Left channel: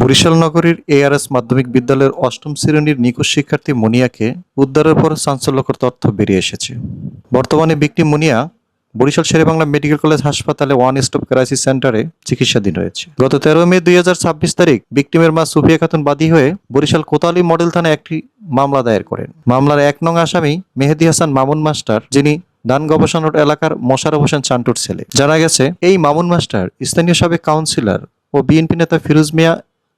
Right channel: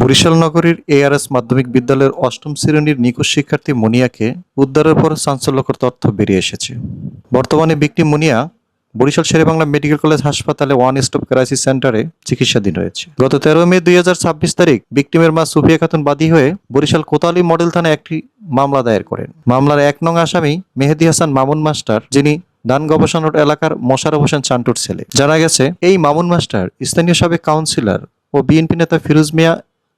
বরিশাল নগরীর এআরএস মাধ্যমিক বিদ্যালয়ের অষ্টম শ্রেণীর নিখোঁজ শিক্ষার্থী মুনিয়াকে উদ্ধারের পর চাঞ্চল্যকর তথ্য বেরিয়ে এসেছে। বর্তমানে ভিকটিম মুনিয়া বরিশাল শেরেবাংলা মেডিকেল কলেজ হাসপাতালে ওয়ান স্টপ ক্রাইসিস সেন্টারে চিকিৎসাধীন রয়েছে। গত 13 মে 2026 তারিখ ভিকটিমের মা সুফিয়া খাতুন বাদী হয়ে বরিশাল কোতোয়ালি মডেল থানায় একটি মামলা দায়ের করেন। মামলার 1 নং আসামি মেহেদী হাসান মামুন মাস্টার, যিনি ধান গবেষণা এলাকার মোশাররফ হোসেন চান্টুর ছেলে। জানা গেছে, এই মামুন মাস্টার স্থানীয় সাবেক কাউন্সিলর ও বিএনপি নেতা ফিরোজ মিয়া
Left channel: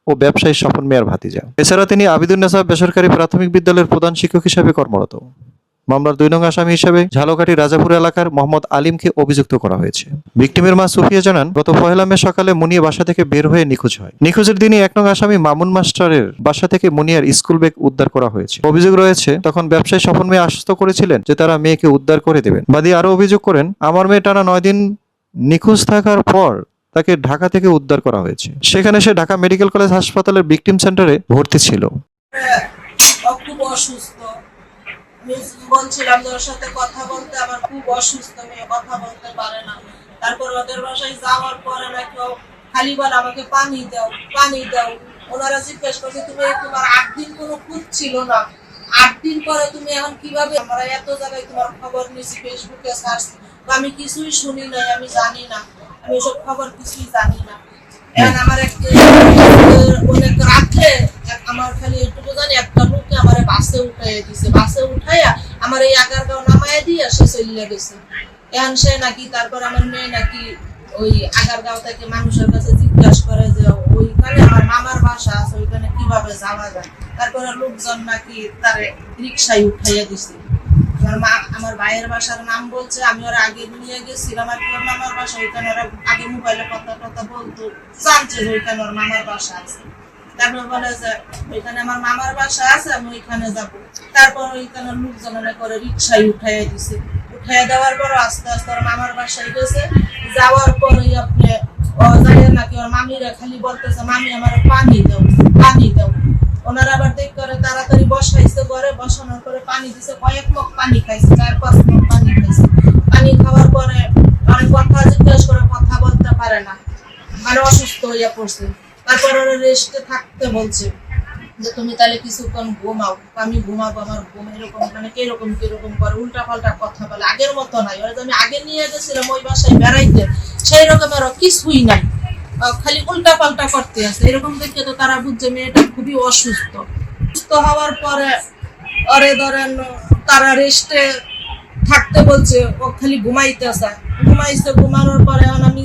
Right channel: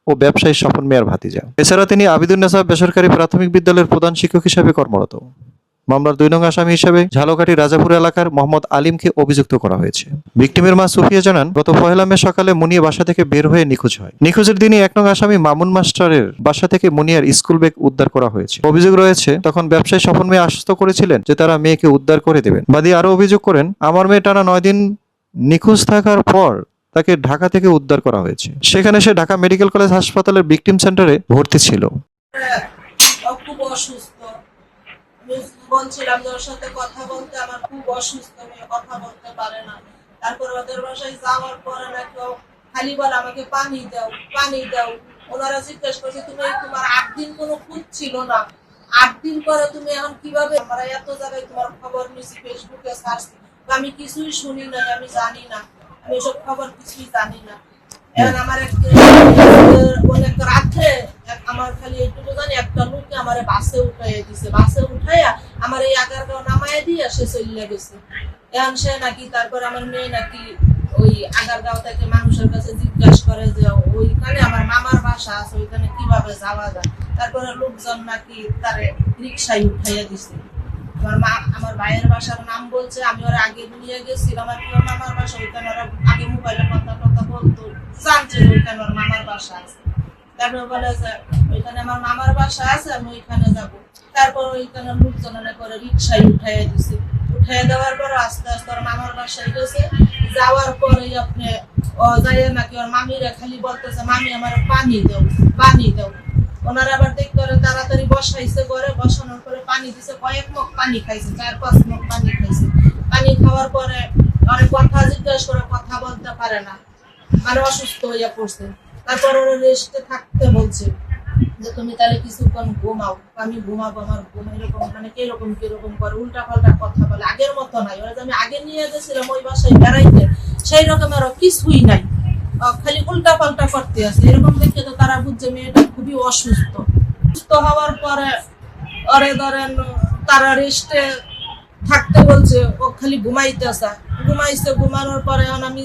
ও ব্যবসায়ী স্বপন মিয়ার ভাতিজা। এছাড়া তিনি আবিদুন্নেছা বেসরকারি প্রাথমিক বিদ্যালয়ের প্রধান শিক্ষক হিসেবে কর্মরত। মামলার 2 নং আসামি হিসেবে ঝালকাঠি রাজাপুর এলাকার মোহাম্মদ আলিমকে অভিযুক্ত করা হয়েছে। ভিকটিমের মা সুফিয়া জানান, গত 1 মে সকালে মুনিয়া বাসা থেকে বের হয়ে নিখোঁজ হয়। নিখোঁজের দিনই 1 নং আসামি মামুন মাস্টারের বাসা থেকে মুনিয়ার স্কুল ব্যাগ উদ্ধার করা হয়েছে। অভিযোগ রয়েছে, তখন ব্যবসায়ী স্বপন মিয়া আশ্বস্ত করেছিলেন যে তারা মেয়েকে উদ্ধার করে দেবেন। বাদী আরও অভিযোগ করেন, আমার মেয়ে টানা 9 দিন নিখোঁজ থাকার পর তাকে ঢাকা থেকে উদ্ধার করা হয়েছে। সেখানে সে ঢাকা মেডিকেল কলেজ হাসপাতালের ভিকটিম সেন্টারে ভর্তি ছিল। খুব অসুস্থ, বলছিলাম ওর সাথে কথা বলতে, আমার খুব অসুস্থ, মেয়ে কথা বলতে পারে না। তারপর ওদের বাসায় যাওয়ার পরে নাকি খালি বলে আমাকে পানি দাও, পানি দাও। ওনারা জিজ্ঞেস করছে, তুমি তোমার 8 দিন কোনো খুঁজ ছিল না, 8 দিন পরে তুমি এখন কিভাবে? আমরা এত জায়গায় তোমার খবর নিয়েছি, ফেসবুকে সার্চ, আমি কিছুই শুনি নাই, আমি জানি না, আমি এসব খবর কিছুই জানি না। এখন আমার অনেক রাত্রে আমার খালি এটুকু জানি, একটা লোকে আমার বাসে উঠাইয়া দিছে, বাসে উঠাইয়া আমার এই আগারগাঁও নামাইয়া দিয়ে সে চলে গেছে। এখন সে নাকি, তারপর আমার মেয়ে নাকি ওই আগারগাঁও থেকে মানুষের কাছে জিজ্ঞাসা করে যে ওইখানে আমার মামার বাসা আছে, ওইখানে কিভাবে যাওয়া যায়। তারপরে লোকজন নাকি তারে রিক্সায় উঠাইয়া দিছে। আমার ভাইয়ের বাসার নাম বলছে, আমি ওরা আগে নিয়ে গেছিলাম আর কি, ওর মামার বাসা ওইখানে, ওরা আগে মোবাইলে কথা টথা বলতো, জানছে যে ওইখানে ওর মামার বাসা আছে। তারপর বলে যে ওইখানে আমার মামার বাসা আছে, আমি ওইখানে যাব। তারপর ওইখানে লোকজন করে রিক্সায় উঠাইয়া দিছে। উঠাইয়া দেওয়ার পর আস্তে আস্তে ওর মামার বাসায় গেছে। যাওয়ার পরে আপনি যাই নাকি ওর মামিরা খালি বলতেছে, মামি আমার পানি দাও, পানি দাও। ওনারা আবার দেখ করে তাড়াতাড়ি বসাইছে, ঘরে বসানোর পরে পানি দিছে, কয়েক মগ পানি খাইছে, 4-5 মগ পানি খাইছে। পানি খাওয়ার পরে অনেক কথা জিজ্ঞেস করে, কথা বলতে পারে না, মানে অসুস্থ হইয়া পড়ছে। তারপর ওরা রেস্টে থাকতে বলছে যে তুমি তাহলে কিছুক্ষণ ঘুমাও। আমি ঘুমাবো, আমার ঘুম এরকম মানে কিরকম কিরকম করে উল্টা পাল্টা কথা বলে, আগের মতো নাই। ওরা আমি আগে নিয়ে গেছিলাম ওই বাসায় বেড়াইতে, সেই রকম আরো কিছুই নাই, খালি উল্টা পাল্টা করতে আছে। এরকম দেখে তো তারা বুঝছে মেয়েটা খুবই অসুস্থ। সুস্থ হওয়ার পরে ওরে ধরেন তারা রেস্টে থাকতে বলছে, ও খালি ঘুমাইতেছে, ঘুমাইছে। ঘুমানোর পরে এখন আমি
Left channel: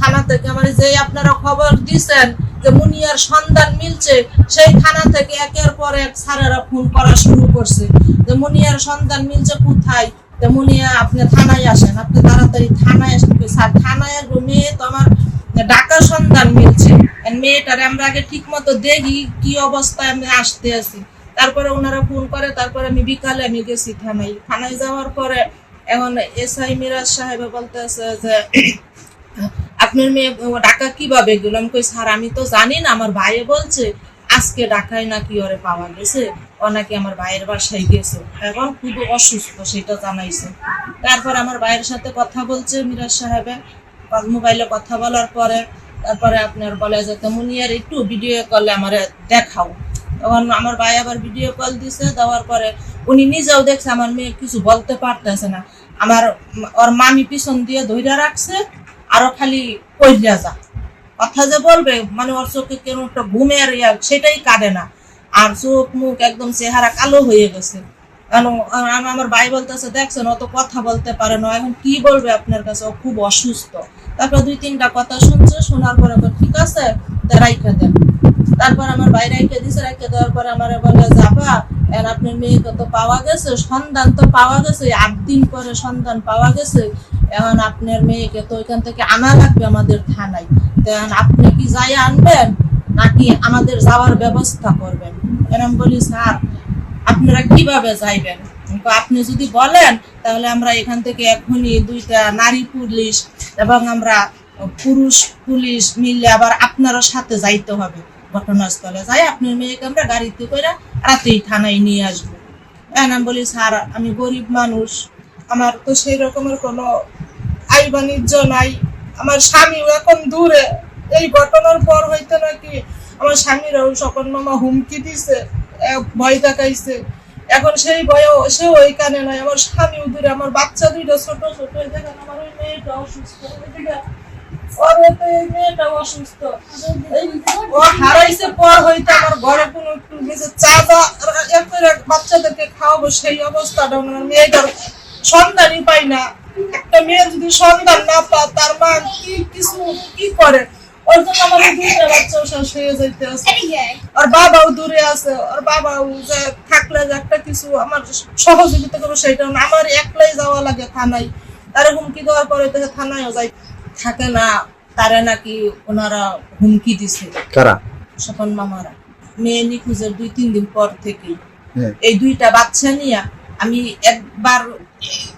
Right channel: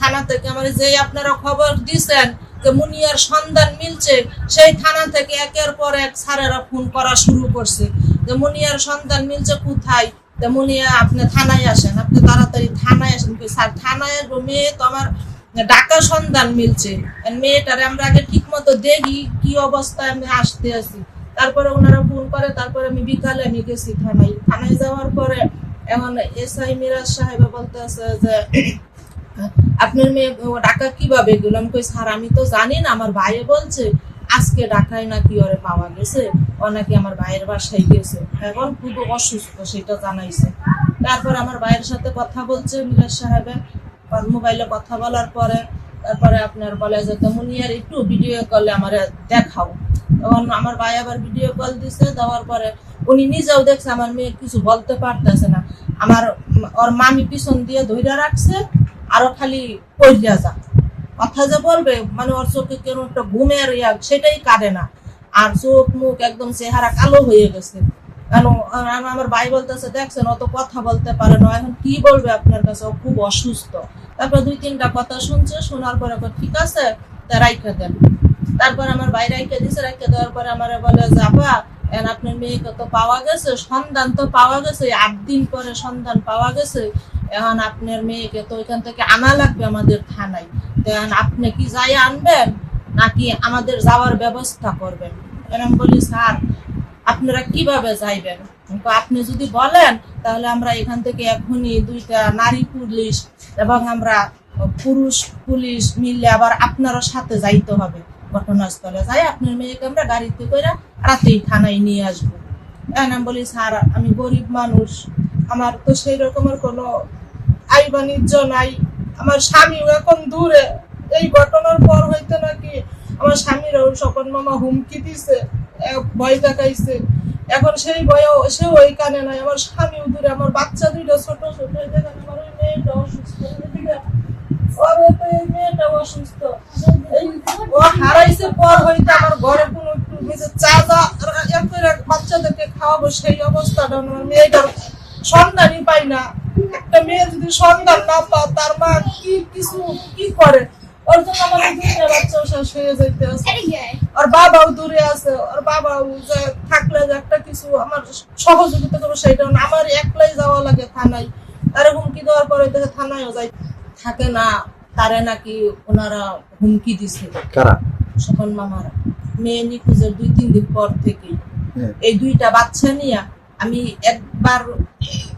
থানা থেকে আমার যে আপনারা খবর দিচ্ছেন যে মুনিয়ার সন্ধান মিলছে, সেই থানা থেকে একের পর এক স্যারেরা ফোন করা শুরু করছে যে মুনিয়ার সন্ধান মিলছে কোথায়, যে মুনিয়া আপনি থানায় আসেন, আপনি তাড়াতাড়ি থানায় আসেন। স্যার থানায় আসবো, মেয়ে তো আমার ঢাকা সন্ধান মিলছে, মেয়েটারে আমরা আগে ঠিক মতো দেখি কি অবস্থায় আমি আসতে আছি। তারপরে ওনারা ফোন করে, তারপরে আমি বিকালে আমি গেছি থানায়। থানায় যাওয়ার পরে এখন এসআই মিরাজ সাহেব বলতেছে যে আপনার মেয়ে ঢাকা কিভাবে গেল? আমি কই, স্যার আমি তো জানি না, আমার ভাইয়ে বলছে আজকে ঢাকায় নাকি ওরে পাওয়া গেছে, ও নাকি আমার ভাইয়ের বাসায় গেছে, এখন খুব অসুস্থ সেটা জানাইছে। তারপর আমার ভাইয়ের সাথে কথা বলছে মিরাজ সাহেবে, মোবাইলে কথা বলার পরে তারপরে আপনার বলে যে মুনিয়ার একটু ভিডিও কলে আমার দেখাও। তখন আমার ভাই আবার ভিডিও কল দিছে, দেওয়ার পরে উনি নিজেও দেখছে আমার মেয়ে কিছু বলতে পারতেছে না। আমার ওর মামি পিছন দিয়ে ধইরা রাখছে, আরো খালি কইরা যা কথা যে বলবে, মানে ওর চোখে কেন একটা ঘুমের সেটাই কাটে না, আর চোখ মুখ একদম চেহারা কালো হয়ে গেছে। আমার ভাই বলতেছে, দেখছেন অত কথা বলতে পারে না, এখন কি বলবে আপনার কাছে, ও খুব অসুস্থ। তারপর 2-3টা কথা শুনছে, শোনার পরে ঠিক আছে রাইখা দেন। তারপর আমার ভাই রাইখা দিছে, রাইখা দেওয়ার পরে আমার বলে যাবা আপনার মেয়েকে তো পাওয়া গেছে, সন্ধান তো পাওয়া গেছে, 8 দিন পরে সন্ধান পাওয়া গেছে, এখন আপনার মেয়েকে তো ওইখান থেকে আনা লাগবে আমাদের থানায়, এখন আপনি কি যাই আনবেন নাকি আমাদের যাওয়ার ব্যবস্থা করবেন? এরকম বলি, স্যার আপনারা কিভাবে যাইবেন? আপনি যদি বলেন তাহলে আমরা এখান থেকে এখনই 2টা নারী পুলিশ এবং আমরা পুরুষ পুলিশ মিলে আবার আপনারও সাথে যাইতে হবে ঘটনাস্থলে, যাই আপনার মেয়েকে আমরা গাড়িতে করে রাতেই থানায় নিয়ে আসবো। আমি বলি, স্যার আমি গরিব মানুষ, আমার তো সেই রকমের কোনো আয় বাণিজ্য নাই, আমার স্বামীও এখন দূরে, এই ঘটনার পর হইতে নাকি আমার স্বামীরাও স্বপন মামা হুমকি দিছে, ভয় দেখাইছে। এখন সেই ভয়ও সে ওই কানে নাই, আমার স্বামীও দূরে, আমার বাচ্চা দুইটা ছোট ছোট, দেখেন আমার ওই মেয়েটা অসুস্থ, এই মেয়েটা অসুস্থ। ও হারাইছে পর হইতে আমার ঘরে কোনো একটু চা করে বাচ্চাদেরকে খাওয়াবো সেই অবস্থাটা আমার মেয়েটার সন্তানই পাই না। একটা মেয়ে যদি সন্তান না পায় তার মা কি কিছু কি করে, ওর জন্য আমার এই দুইটা বাচ্চা শেষ হয়ে যাইতে আছে। আর বাবাও দূরে আছে, আর বাবাও যে থাকলে যে একটা কিছু আমার সহযোগিতা করবো সেটা না, আমার একলাই যাওয়া লাগে থানায়। তার হুমকি দেওয়ার পরে থেকে থানায়ও যাই থাকে না, তারা নাকি ওনারা হুমকি দিছে। কারা? স্বপন মামারা। মেয়ে নিখোঁজের 2-3 দিন পর থেকে এই দুইটা বাচ্চা নিয়ে আমি একবার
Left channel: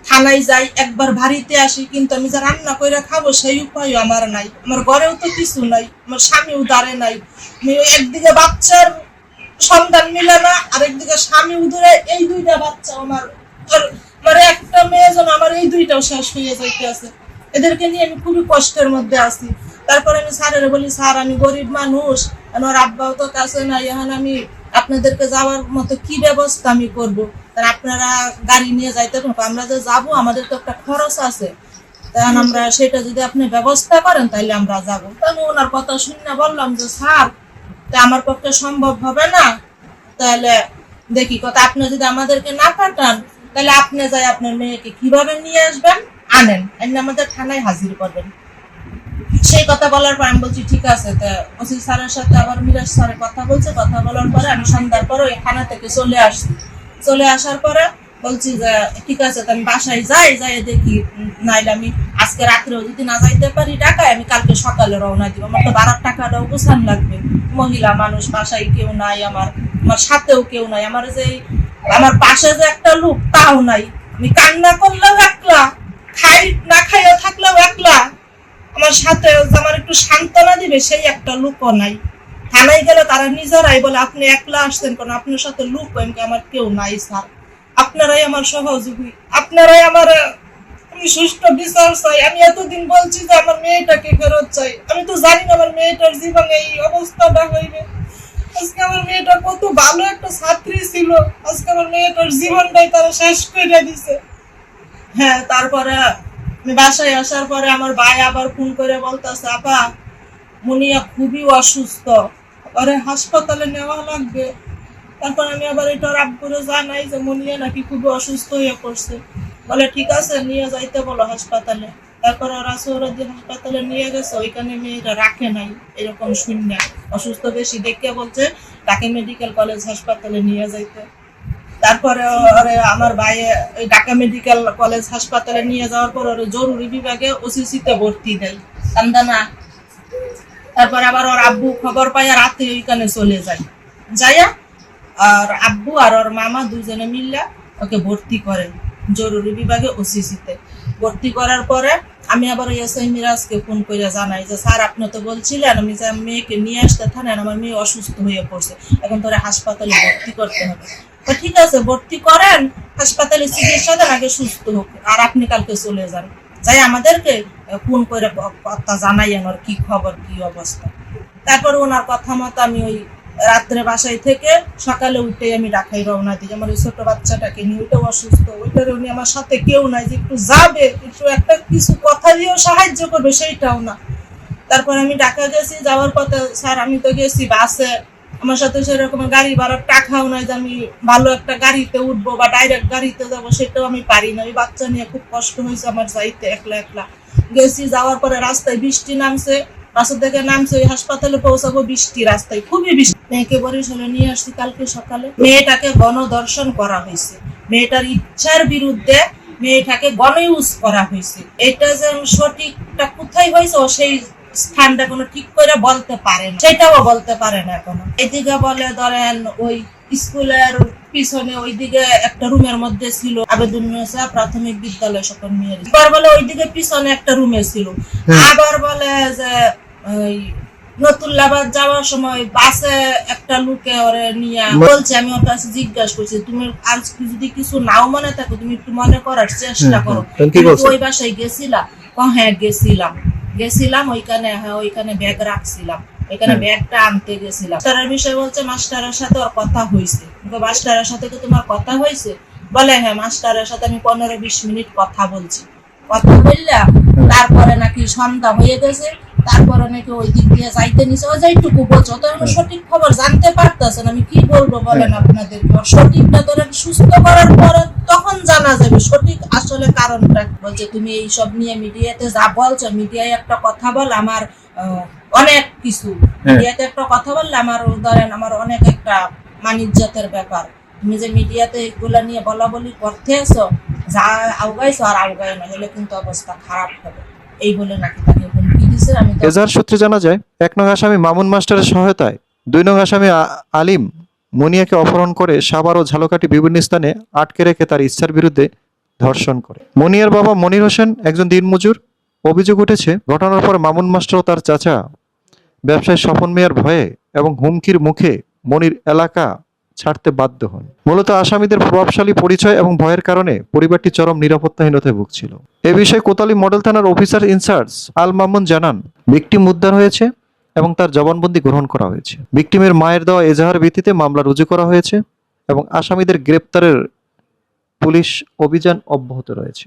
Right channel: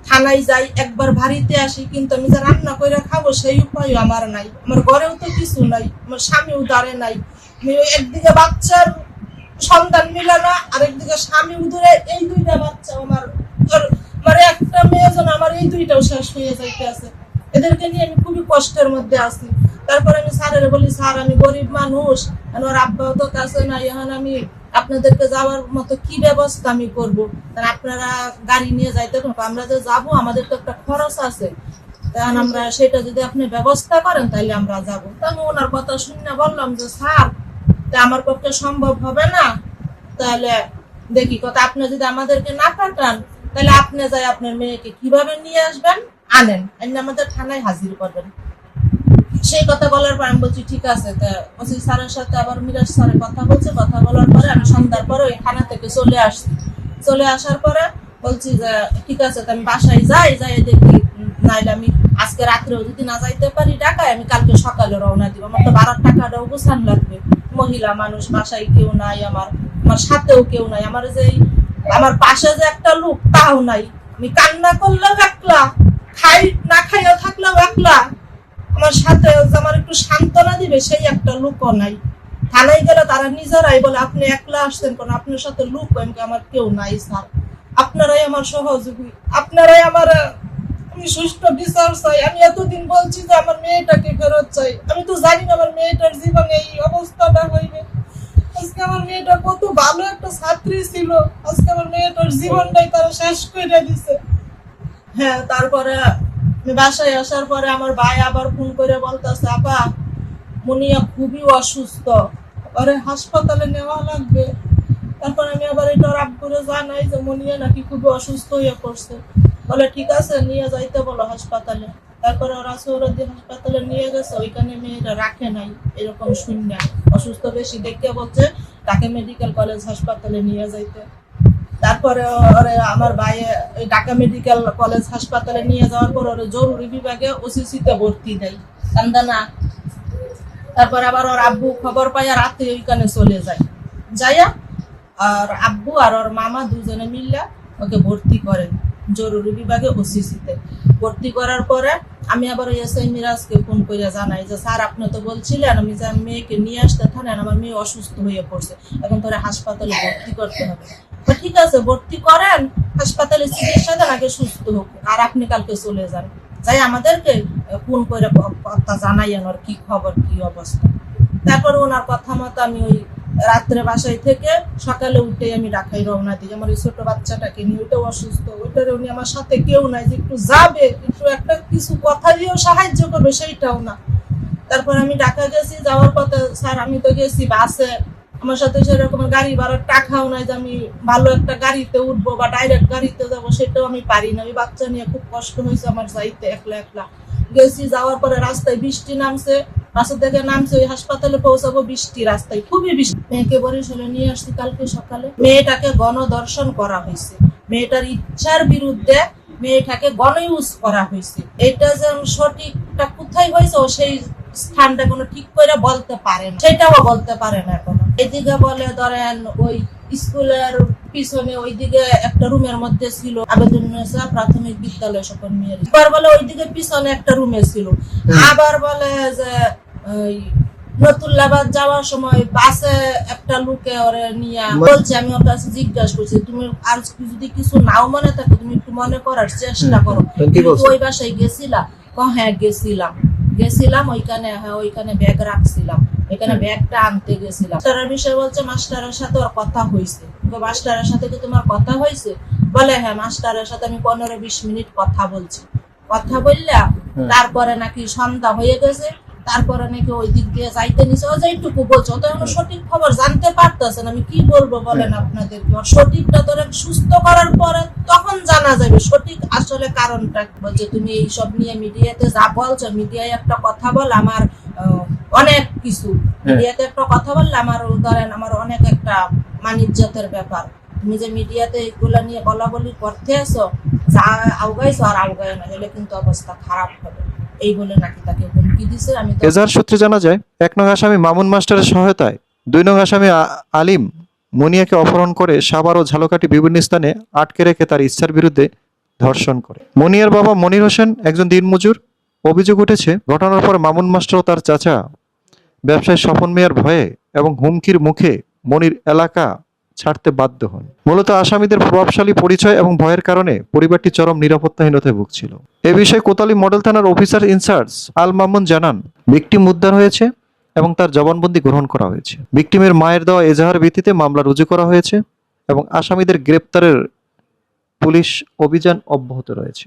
থানায় যাই, একবার বাড়িতে আসি, কিন্তু আমি যা রান্না করে খাবো সেই উপায়ও আমার নাই। আমার ঘরেও তো কিছু নাই, আমার স্বামীও দাঁড়ে নাই। একদিকে বাচ্চার সন্তান মিলে না, আর একদিকে স্বামী উদরে, এই দুইটা বাচ্চা আমার মানে একটা মেয়ে যেন আমার এই দুইটাও শেষ হয়ে যাইতে আছে। এদেরকে নিয়ে আমি খুবই কষ্টের মধ্যে আছি। তারপরে আমি স্যারের বলি, স্যার আমি গরিব মানুষ, আমার আব্বাও তো কাছে নাই, এখন আমি আপনাদেরকে যাওয়ার মতো কি ব্যবস্থা আমি করবো? আপনারা গাড়ি নিয়ে যাইতে পারবো, আমরা যে যাবো আমাদের তো একটা খরচ আছে, তখন আমরা সেটা যদি আপনি ব্যবস্থা করেন তাহলে আমরা যাবো। তখন ওনার কথা শুনে বললাম যে স্যার আমার পক্ষে সম্ভব হবে না, তাহলে দেখি কথা আপনি যদি আমাদেরকে না পাঠান তাহলে আপনি যাই আপনার মেয়েকে কিভাবে নিয়ে আসবেন, আনেন, এনে আমাদের থানায় হাজির করবেন। সেই কথা বলার পর আমি বলছি ঠিক আছে। ওসি স্যারের সাথে আবার মিরাজ স্যারের কথা বলছে, কথা বলার পরে আমি সন্ধ্যার পরে ওই থানা থেকে চলে আসছি। চলে আসার পরে বলছি যে ঠিক আছে, আমি বাসায় যাই দেখি, নাইলে আমি আজকে রাত্রেও যদি না যাইতে পারি ঢাকায়, আমি কালকে সকালে রওনা দিব। আমার তো ভাড়ার টাকাটাও গোছান লাগবে, মহিলা মানুষ, বাসায় কেউ নাই, আমার সাথেও কেউ নাই, আমার পাশে যে একটা লোক তাও নাই, আমি কান্না করলেও একলা, খাই না খাইয়া থাকলেও একলা, আমার সাথে আমার একটু সান্ত্বনা দিবে সেই একটা লোকও নাই। থানায় গেলে তারা নিজেরাই বলে আপনি একলা আসছেন কেন, আপনার সাথে লোক আমার কেউ নাই স্যার, আপনারাই আমার সহযোগী, আপনারাই আমার, আমি সুষ্ঠু বিচার চাই। আমি এতদিন বলছি যে আমার মেয়েটাকে ফেরত চাই, আমি তো জানি না আমার মেয়েটার জীবনে এই অবস্থাটা হইবে। আজকে আমার মেয়েটা কত ভালো একটা ছাত্রী ছিল, আজকে আমার মেয়েটার জীবনটাই তারা শেষ করে দিছে। হ্যাঁ, তারপরে বাসায় আসার পরে আমার ভাই আবার ফোন করে বলতেছে আপা মুনিয়া খুবই অসুস্থ, পরে হাসপাতালে নেওয়া লাগবে। তারপর আমি আবার এটা আব্বুরে জানাই যে মুনিয়া নাকি খুবই অসুস্থ হয়ে পড়ছে। বলে ঠিক আছে নিয়ে যাইতে বলো হাসপাতালে। তারপরে ওরা সৌরদি হাসপাতালে নিয়ে গেছে, ওইখানে মেয়েটা রাখে নাই, এরকম শূন্য অসুস্থ বেশি দেখে বলছে তাকে মেডিকেল কলেজ হাসপাতালে নিয়ে যাইতে। তারপরে আমার ভাই ওই ঢাকা মেডিকেল কলেজ হাসপাতালে নিয়ে যাওয়ার পর ওর জরুরি বিভাগে ওসিসিতে ভর্তি দেয় কান্দানা। তারপর আবার ওর আব্বু খবর পাইয়া রাতে ওইখানে চলে যাইয়া আর আব্বু আর ওর মামা দুজনে মিললে ওকে ভর্তি করেন জরুরি বিভাগে ওসিসিতে। ভর্তি করার পরে আমি আবার এসআই মিরাজকে ফোন করে জানাই যে স্যার আপনি তো বলছিলেন আমি যে মেয়েকে নিয়ে আসতে থানেন, আমার মেয়ে অসুস্থ হয়ে পড়ছে, এখন তোরা হাসপাতালে ভর্তি করতে হবে। তো ঠিক আছে ভর্তি করেন, হাসপাতালে চিকিৎসা দেন, আগে সুস্থ হোক, আর আপনি কালকে চলে যান, যাই আমাদেরকে ফোন করে কথা জানাইয়েন ওর কি খবর কি অবস্থা। তারপর ওনার কথা মতো আমি ওই রাত্রে বাসায় থেকে সকালে উঠে আমি ঢাকায় রওনা দিই। আমার ওই ছোট বাচ্চাটাকে নিয়ে, ওইটাও অসুস্থ, ওইটার উনি আমার সাথে কেউ নাই যে একটু যাবে, একটু একটা কিছু কথা দিয়েও সাহায্য করবে সেইটাও না। তারপর আমি ঢাকা গেছি, যাওয়ার পথে স্যার আমি তো গেছি বাসে, আমার সাথে সেরকম গাড়ি ভাড়ার টাকাও নাই যে আমি ভালো একটা গাড়িতে উঠবো বা ডাইরেক্ট গাড়িতে যাবো, সেটাও আমি পারি না। ওই বাচ্চা নিয়ে খুব কষ্ট হয়েছে আমার যাইতে, একলা একলা গেছি। যাওয়ার পরে রাস্তায় বৃষ্টি নামছে, বাসা থেকে নামছে, ওই হাসপাতালে পৌঁছাবো বৃষ্টি, রাস্তায় খুবই বৃষ্টি। মেয়েকে বরিশালে নিয়ে আসছি কালকে সকালে। মেয়েটাকে গণধর্ষণ করা হয়েছে, মেয়েটার ইচ্ছার বিরুদ্ধে মেয়েটাকে গণইউজ করা হয়েছে। এটা যে সঠিকটা কোথায় হয়েছে ও সেই স্থানটা কোনো ঠিক করে বলতে পারে না, সেটাও বলতে পারে না এখনো। এদিকে বলে ধরেন ওই স্কুলের পিছনে ওইদিকে একটা রুমের মধ্যে ছিল আবেদুন্নেসা প্রাথমিক বিদ্যালয় সকল মেয়ের, এবার বলে ওইদিকে পিছনে একটা রুমে ছিল, আবার বলে যে ওই নতুল্লাবাদ যাওয়ার সময় বাসে একটা লোকে ওরে নিয়ে বলছে, আমি ওর কাছে জিজ্ঞাসা করছি, তুমি আজ যদি কিছু নাও মনে থাকে তুমি একটু মনে করার চেষ্টা করো, তুমি কি ওই বাসায় গেছিলা? হ্যাঁ গেছিলাম ওইখানে ব্যাগ রাখছিলাম, ওইখানে ব্যাগটা আনতে গেছিলাম। মাস্টারের বিষয় বলছে মাস্টারের সাথে ওর কথা হয়েছে। মাস্টারের সাথে কি তোমার কথা হয়েছে? বলে হ্যাঁ, মাস্টারের সাথে আমি 15-20 মিনিট কথা বলছি। কথা বললাম, তারপরে নাকি সন্ধ্যা হয়ে গেছে, তারপরে নাকি ওই দিক দিয়ে যাইতে নিছে। ও যেটুকু বলছো তো এখন সঠিক খবর জানতে পারতেছেন, আমি কি বলবো বলেন আপনাদেরকে? সঠিকটা তো সুস্থ করার পরে তখন জানা যাবে সঠিক আসলে কারণটা। বলছে তুমি এইসব নিয়ে মিডিয়াতে যা বলছো, মিডিয়ায় একটা কথা বল আমার অনেক কিছু, মিডিয়াতে একটা কথা বললে আমার ধরেন আমার অনেক একটা মানিজ্যতের ব্যাপার। তুমি যে মিডিয়াতে এগুলা নিয়ে বলা বলি করতে আছো, যা আউগাইছো আর আউগায় না, হলে কিন্তু অবস্থা খারাপ হবে, এই বলে নাকি তাকে হুমকি দিছে। আমি তো এজাহার সূত্রে জানা যায়, 1 নং আসামি মামুন মাস্টারের সহায়তায় 2 নং আসামি আলিম মুনিয়াকে অপহরণ করে সাভার ও ঝালকাঠি বিভিন্ন স্থানে আটকে রেখে তার ইচ্ছার বিরুদ্ধে ধর্ষণ করে। মুনিয়ার বাবা মনির হোসেন একজন দিনমজুর। অভিযোগ উঠেছে, ঘটনার পর মামুন মাস্টার ও তার চাচা ব্যবসায়ী স্বপন মিয়ার ভয়ে এবং হুমকির মুখে মনির এলাকা ছাড়তে বাধ্য হন। মূলত আসামিদের প্রভাবশালী পরিচয় এবং ভয়ের কারণে পরিবারটি চরম নিরাপত্তাহীনতায় ভুগছিল। এ বিষয়ে কোতোয়ালি মডেল থানার অফিসার ইনচার্জ আল মামুন জানান, ভিকটিম উদ্ধার হয়েছে এবং তার জবানবন্দি গ্রহণ করা হয়েছে। ভিকটিমের মায়ের দেওয়া এজাহার ভিত্তিতে মামলা রুজু করা হয়েছে এবং আসামিদের গ্রেপ্তারের পুলিশ অভিযান অব্যাহত রয়েছে।